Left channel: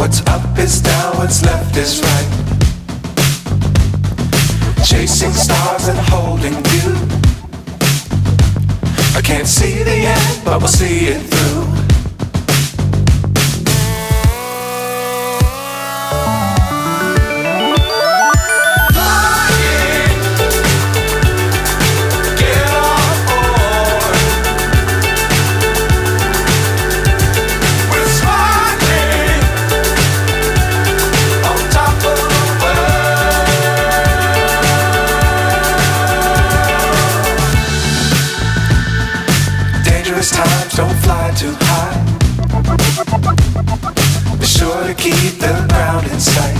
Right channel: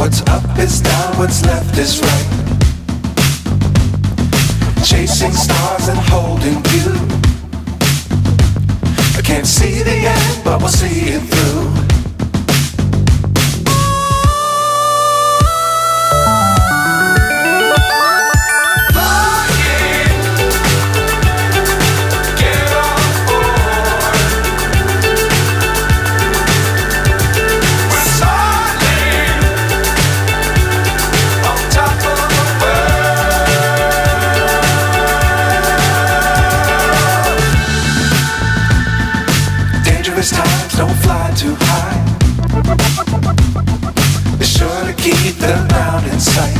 What's up is down, what's left is right. Chasing stars and holding you. I can't see the end, but we'll see it through. Times don't fly too high. Be sure to keep the ground in sight.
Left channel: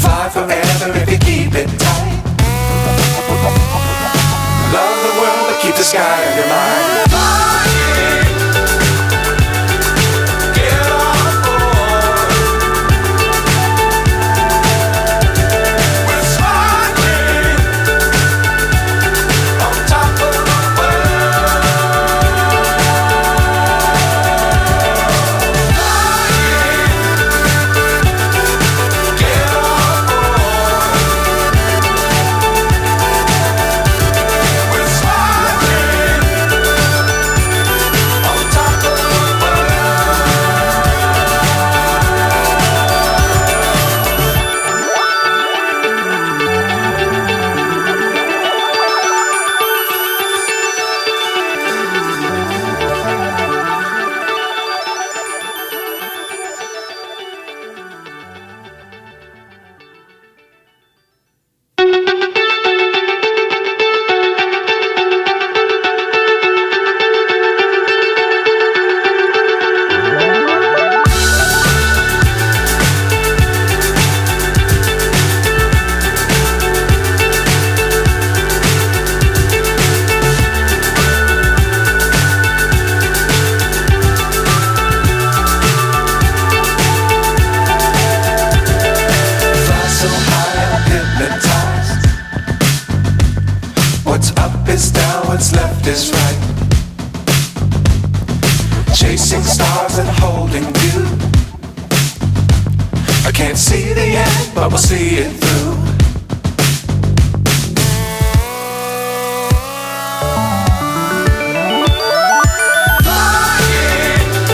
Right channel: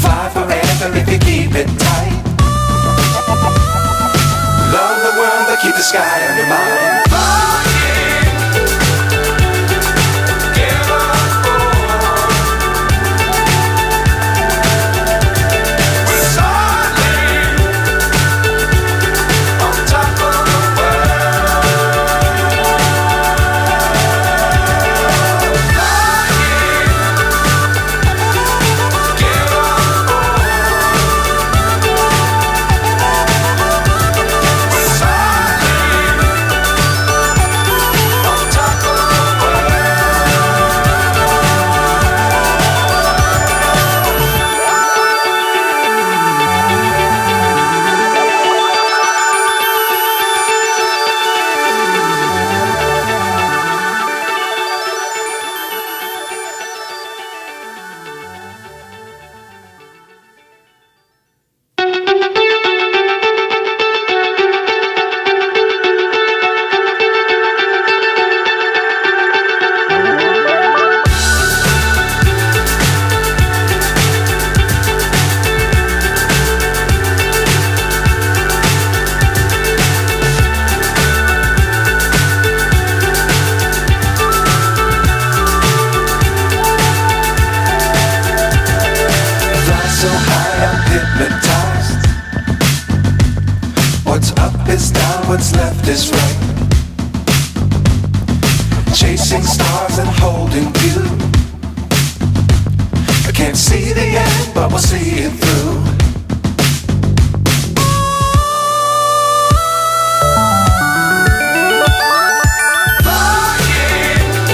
Fly forever if you keep it tight. Love the world but keep the sky on your mind. So high I'm hypnotized. What's up is down, what's left is right. Chasing stars and holding you. I can't see the end, but we'll see it through.